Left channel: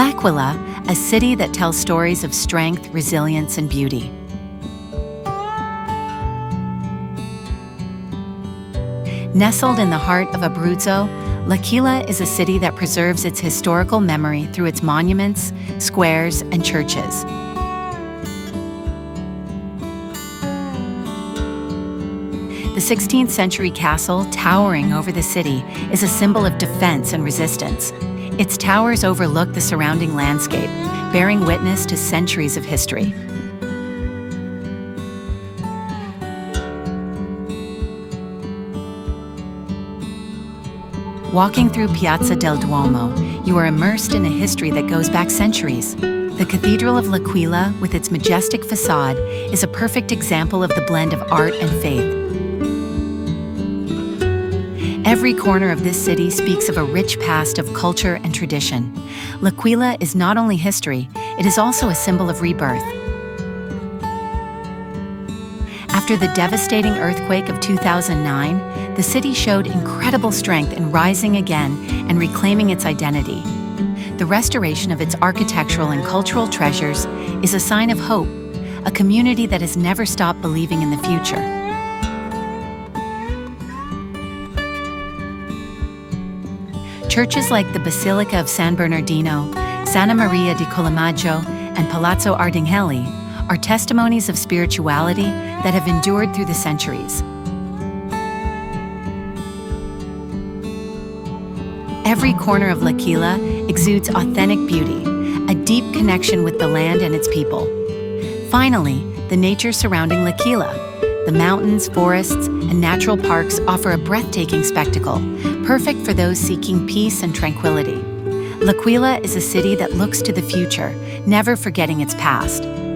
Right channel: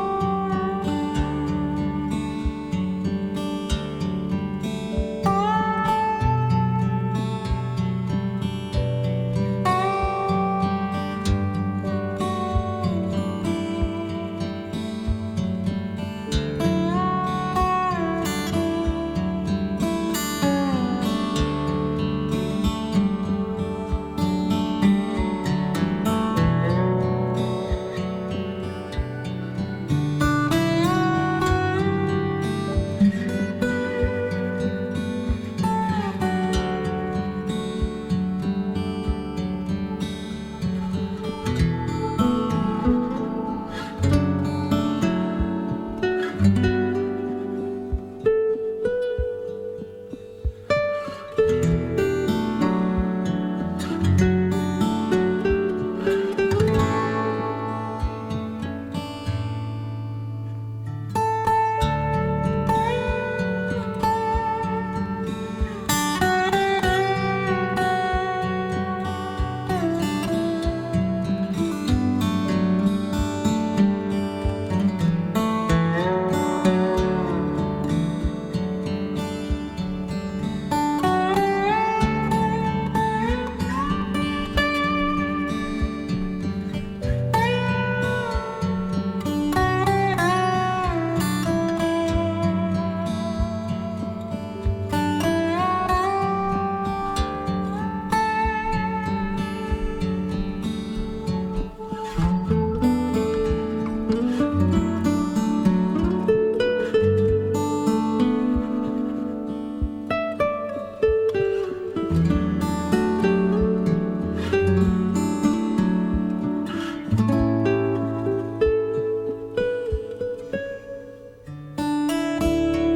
L'Aquila, a city that tells stories of strength, resilience, and beauty. Nestled in the heart of Abruzzo, L'Aquila is a city that preserves its historical memory through its monuments, squares, and churches. The 16th century castle, towering over the city, is a symbol of defense and resistance. Its towers overlook the surrounding landscape, bearing witness to centuries of history. Walking through Piazza del Duomo, you are immersed in a history that goes back centuries. The Cathedral of L'Aquila, with its majestic facade, is a perfect example of the blend of art and faith. Every corner of this city speaks of a rich past of culture and tradition. L'Aquila is not only history, it is also a symbol of rebirth. After the devastating earthquake of 2009, the city showed incredible strength in rising again and reclaiming its identity. The restoration of its architectural and cultural treasures is a sign of hope, a community that has never stopped believing in the future. Churches like the Basilica of San Bernardino, Santa Maria di Collemaggio, and Palazzo Ardinghelli are testimonies of spirituality that have endured through the centuries. Every corner of L'Aquila exudes authentic beauty, a deep connection with the land and its people. Finally, the nature surrounding L'Aquila. The mountains, forests, and natural parks offer a breathtaking spectacle, perfect for those seeking peace and tranquility. L'Aquila is a city that looks to the future, never forgetting its past.